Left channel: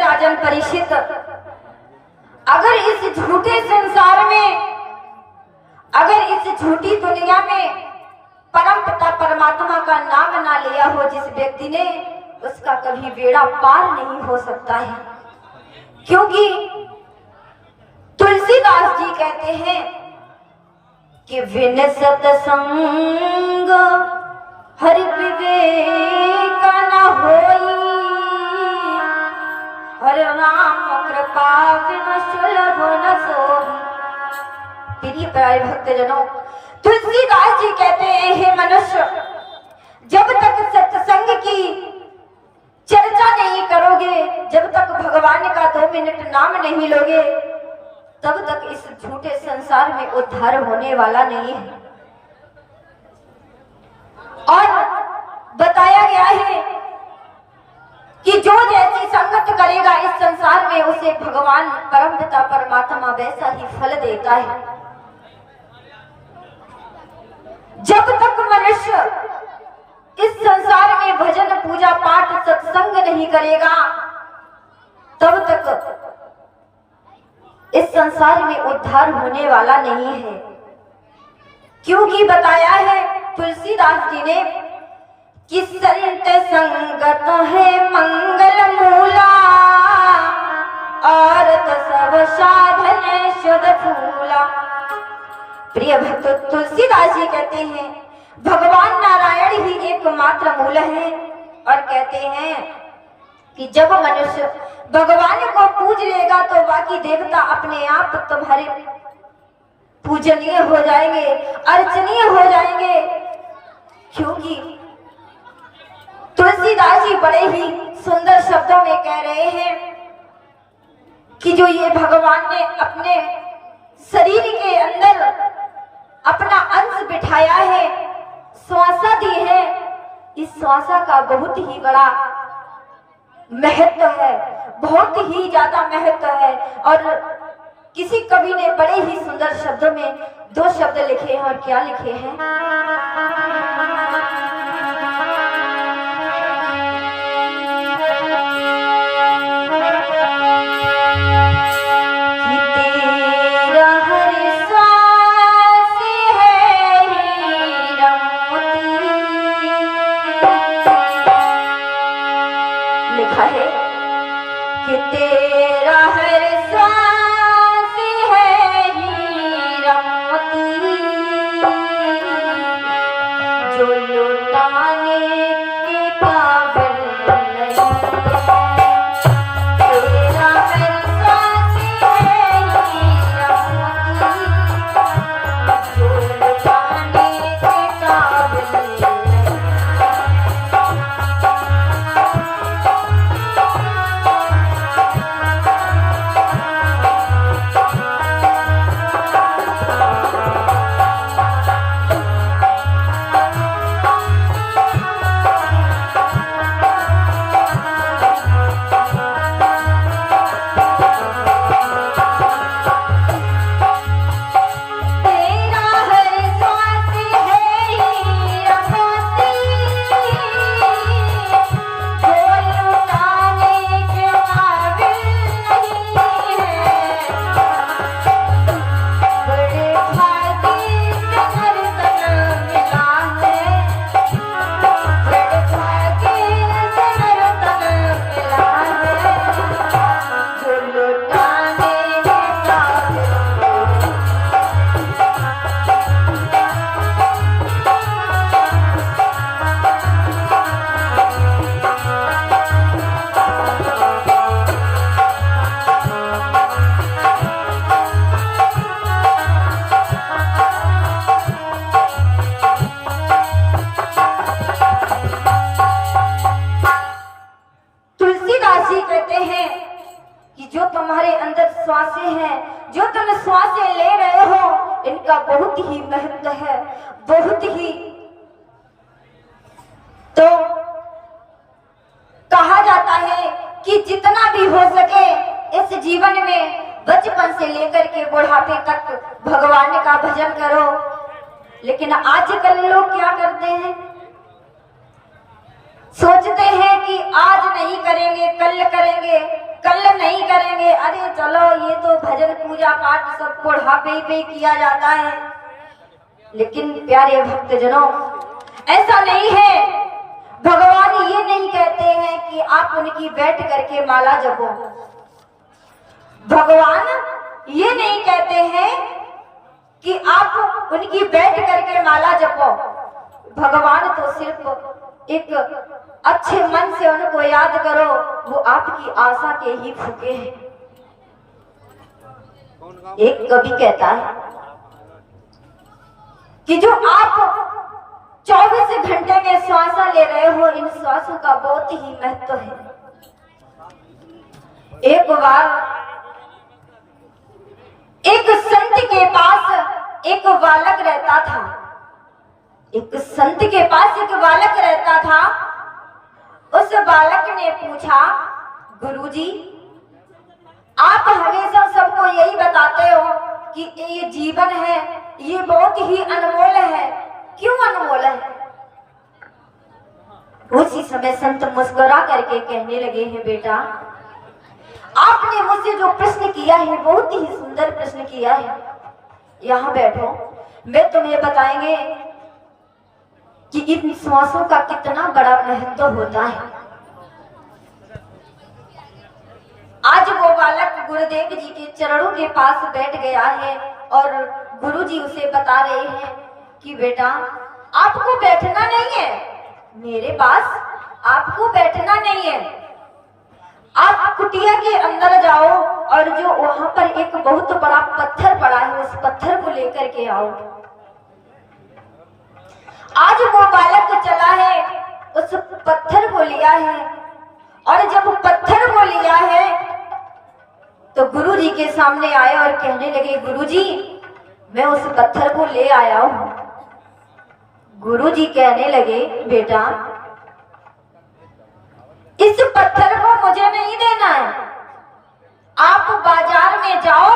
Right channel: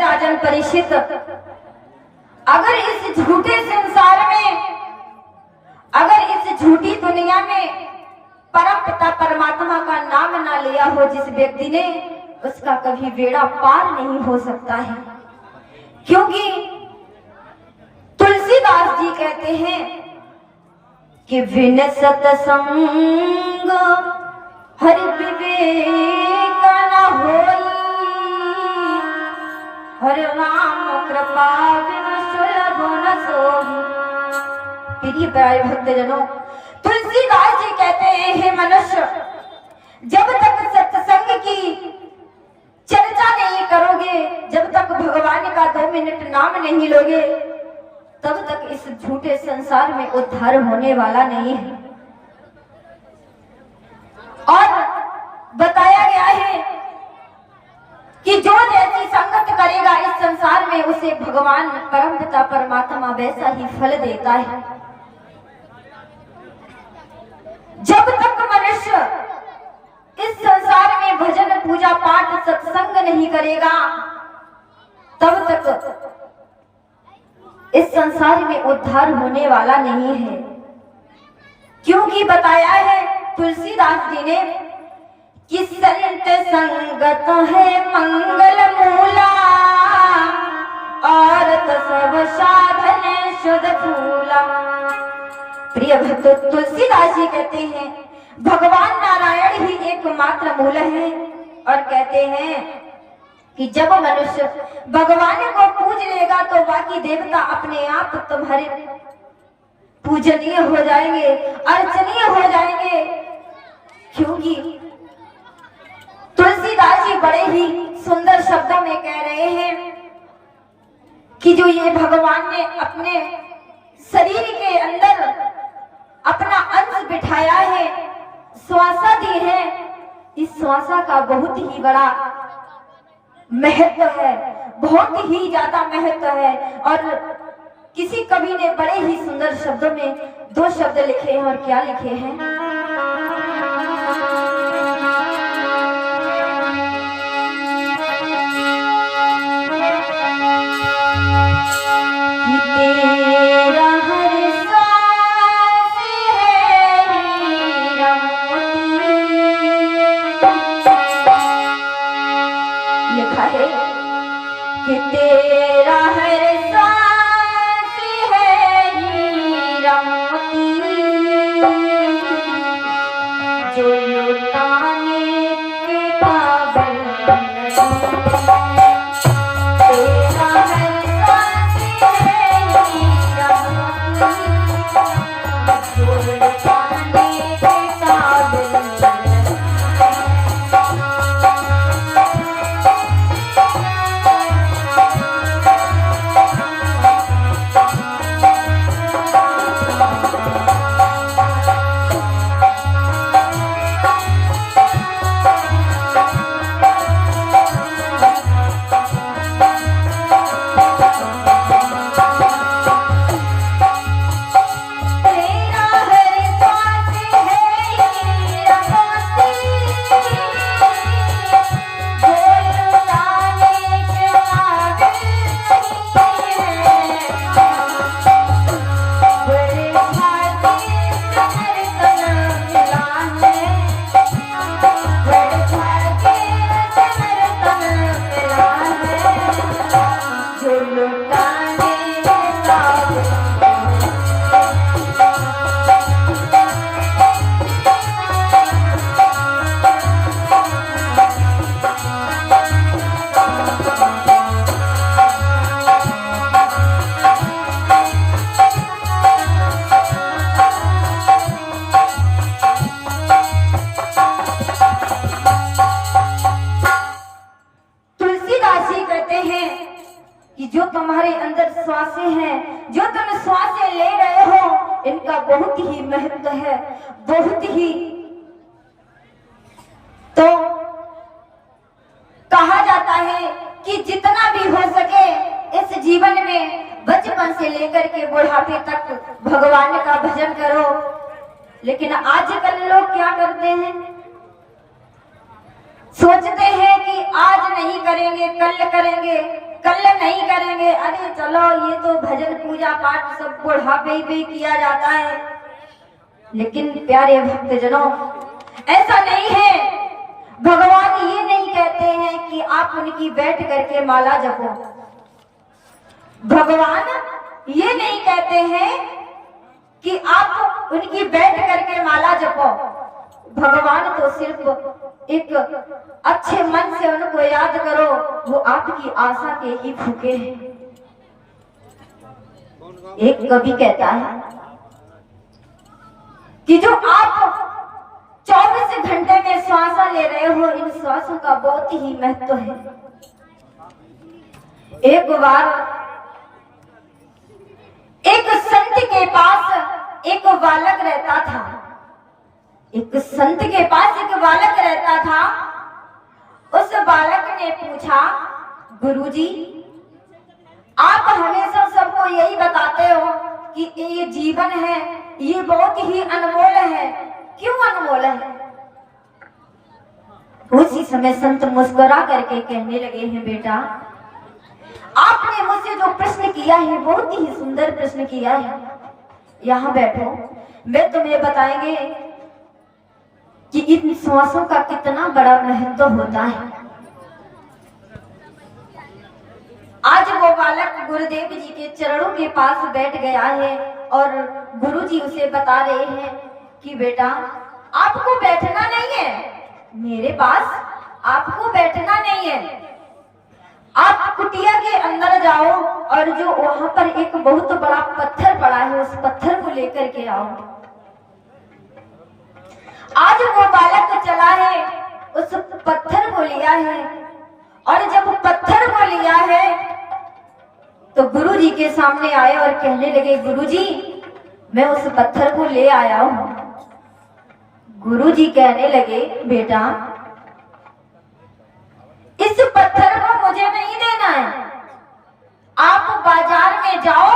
राजन परीक्षित, अगर इस झूठे संसार में, अगर इस झूठी दुनिया में परम पिता परमात्मा का नाम ना लिया हो जिस व्यक्ति ने, उसका कभी बेड़ा पार नहीं हो सकता है। क्योंकि तुलसीदास जी कहते हैं कि विन सतसंग हरि विवेक न होई, हर राम कृपा बिन सुलभ न सोई। प्रिय प्यारे भक्तजनों, तुलसीदास जी कहते हैं, हे मनुष्य, जब तक सत्संग की चर्चा नहीं करोगे, जब तक भगवान का 2 मिनट नाम नहीं लोगे, तब तक इस झूठे संसार में उद्धार होने वाला नहीं है। और बताया गया है कि जो जैसी संगत करेगा इस संसार में, उसे भगवान परम पिता परमात्मा वैसा ही फल देता है। जब तक मनुष्य इस संसार में भजन पूजा पाठ सत्संग नहीं करेगा, तब तक इस संसार में उद्धार होने वाला नहीं है। क्योंकि बताया है तुलसीदास जी ने कि संत संगत है मंगल मूला, और तो सब साधन शुद्ध फूला। प्रिय भक्त, तुलसीदास जी कहते हैं भगवान नारायण ही एकमात्र मूल है, और कहते हैं कि जब मनुष्य भगवान को पूज लेगा तो बाकी देवता अपने आप तुम्हारे पूजनीय हो जाएंगे, अर्चनीय हो जाएंगे। क्योंकि तुलसीदास जी बड़े ही सुंदर शब्दों में कह रहे हैं कि जो ये भगवान ने अपने शरीर के अंदर अपना अंश बिठाया है, श्वासा दी है, इस श्वासा का बहुत ही बड़ा महत्व है, बहुत ही ज्यादा महत्व है। और किसी कवि ने बड़े ही सुंदर शब्दों में 2 शब्द लिखे हैं, और क्या लिखे हैं? लिखा है कि तेरा हर सांस है हीरा मोती, जो लुटाने के काबिल नहीं। तेरा हर सांस है हीरा मोती, जो लुटाने के काबिल नहीं। जो तुम्हारे अंदर श्वासें हैं, जो तुम श्वासें ले रहे हो, इनका बहुत ही महत्व है, बहुत ही। तो कहा जाता है कि जितना भी हो सके इस जीवन में बचपन से लेकर के बुढ़ापे तक भगवान का भजन करो। लेकिन आजकल लोग क्या करते हैं, सोचते हैं कि आज नहीं करेंगे, कल करेंगे, कल नहीं करेंगे, अरे चलो ये तो भजन पूजा पाठ सब बुढ़ापे पे किया जाता है। लेकिन प्यारे भक्तजनों, ऐसा नहीं है। भगवान ये नहीं कहते हैं कि आप उनकी बैठ करके माला जपो। भगवान ये नहीं कहते हैं कि आप उनकी बैठ करके माला जपो। भगवान तो सिर्फ एक अच्छे मन से उनको याद करो, वो आपकी आशा के ही फूके हैं। एक कवि कहता है कि जो आप 24 घंटे में श्वास ले रहे हो, इन श्वासों का बहुत ही महत्व है। एक बार एक संत के पास एक बालक रहता था। एक संत के पास एक बालक रहता था। उस बालक ने पूछा, गुरुजी, आप हमेशा सबको यही बताते हो कि ये जीवन है, ये बहुत ही अनमोल है, क्यों अनमोल है? उसी समय संत मुस्कुरा करके कहने लगे हैं, बेटा आपने मुझसे जो प्रश्न किया है बहुत ही सुंदर प्रश्न किया है। यहाँ बैठो, मैं तुम्हें बताएंगे कि इन श्वासों का कितना बड़ा महत्व होता है। आज वो बालक गुरुदेव जी के चरणों के पास बैठ गया है और गुरुजी उसे बता रहे हैं कि बेटा आपको बैठना नहीं है मेरे पास, आपको बैठना नहीं है। आप कुटिया के अंदर जाओ और जो वहां पर एक बहुत बड़ा पत्थर पड़ा है, उस पत्थर को लेकर के आओ। आज वो बालक चला है, उस पत्थर को लिया है, और जब पत्थर को लिया है तो गुरुजी के सामने आए और कहने लगे, गुरुजी मैं उस पत्थर को ले आया हूं। गुरुजी कहने लगे, बेटा इस पत्थर को मुझे नहीं देना है, आप बाजार में जाओ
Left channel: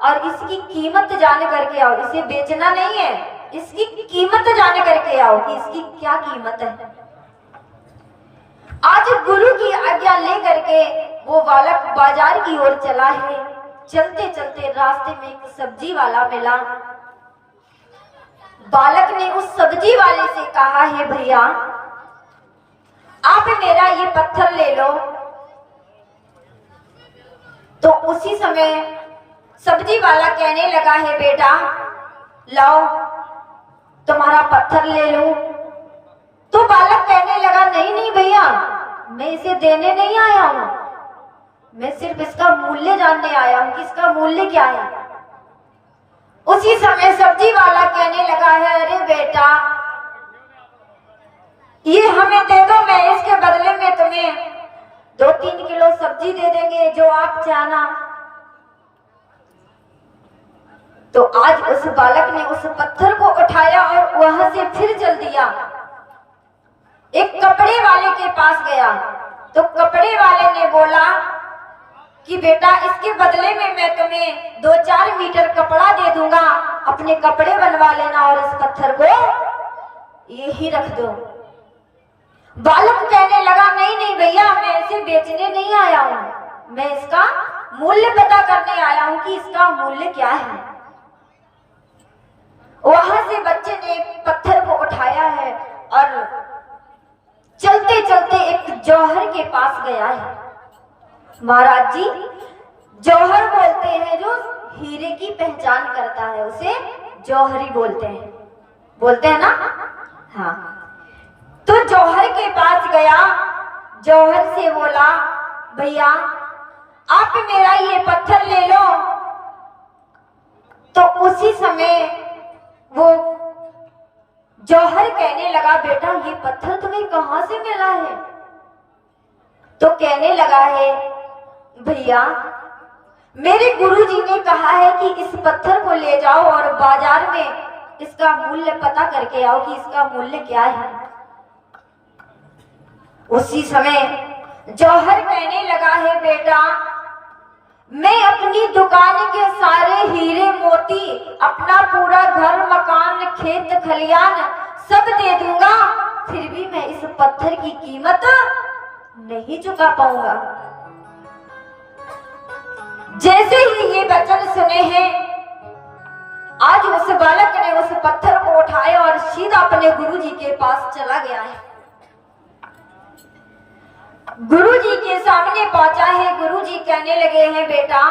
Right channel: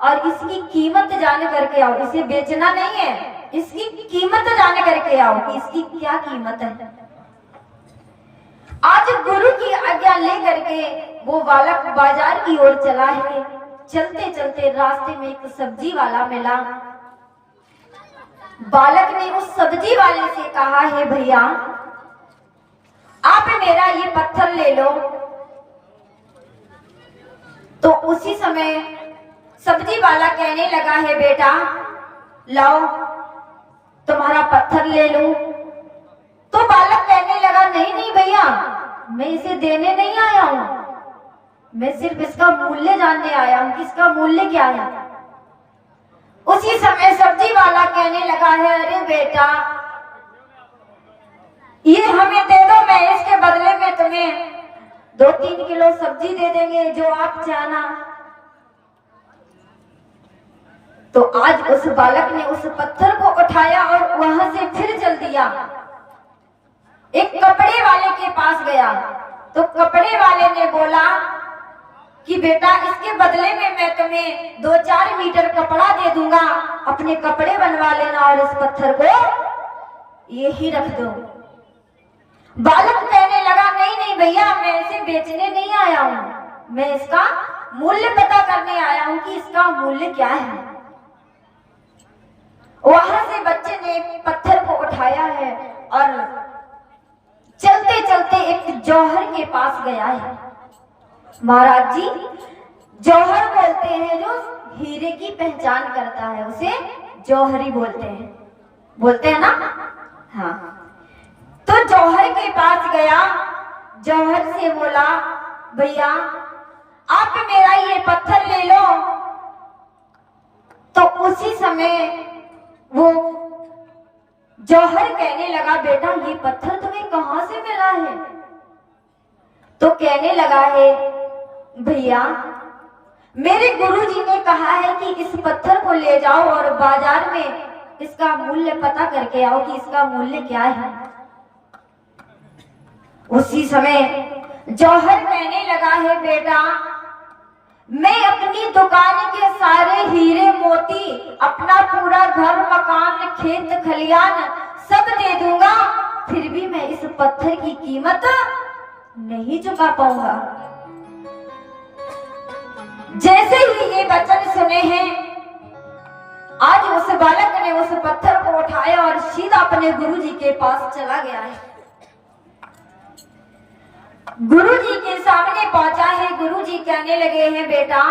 और इसकी कीमत जान करके आओ। इसे बेचना नहीं है, इसकी कीमत जान करके आओ कि इसकी क्या कीमत है। आज गुरु की आज्ञा लेकर के वो बालक बाजार की ओर चला है। चलते चलते रास्ते में एक सब्जी वाला मिला। बालक ने उस सब्जी वाले से कहा है, भैया आप मेरा ये पत्थर ले लो। तो उसी समय सब्जी वाला कहने लगा है, बेटा लाओ तुम्हारा पत्थर ले लो। तो बालक कहने लगा, नहीं नहीं भैया मैं इसे देने नहीं आया हूं, मैं सिर्फ इसका मूल्य जानने आया हूं कि इसका मूल्य क्या है। उसी समय सब्जी वाला कहने लगा है, अरे बेटा ये हमें दे दो, मैं इसके बदले में तुम्हें 2-3 किलो सब्जी दे देंगे जो आप चाहना। तो आज उस बालक ने उस पत्थर को उठाया और वहां से फिर चल दिया। एक कपड़े वाले के पास गया तो कपड़े वाले ने बोला कि बेटा इसके बदले में मैं तुम्हें 2-4 मीटर कपड़ा दे दूंगा, अपने कपड़े बनवा लेना और इस पत्थर को यही रख दो। बालक कहने लगा, नहीं नहीं भैया मैं इसे बेचने नहीं आया हूं, मैं इसका मूल्य पता करने आया हूं कि इसका मूल्य क्या है। वहां से बच्चे ने पत्थर को उठाया है और चलते चलते एक जौहर के पास गया है। महाराज जी जौहर बोलते हैं जो हीरे की पहचान करता है उसे जौहरी बोलते हैं ना। हाँ, तो जौहर के पास गया, जौहर से बोला, भैया आप मेरा ये पत्थर ले लो। तो उसी समय वो जौहर कहने लगा, बेटा ये पत्थर तुम्हें कहां से मिला है? तो कहने लगा है, भैया मेरे गुरुजी ने कहा है कि इस पत्थर को ले जाओ और बाजार में इसका मूल्य पता करके आओ कि इसका मूल्य क्या है। उसी समय जौहर कहने लगा है, बेटा मैं अपनी दुकान के सारे हीरे मोती, अपना पूरा घर मकान खेत खलियान सब दे दूंगा, फिर भी मैं इस पत्थर की कीमत नहीं चुका पाऊंगा। जैसे ही ये वचन सुने हैं, आज उस बालक ने उस पत्थर को उठाया और सीधा अपने गुरुजी के पास चला गया है। गुरुजी के सामने पहुंचा है। गुरुजी कहने लगे हैं, बेटा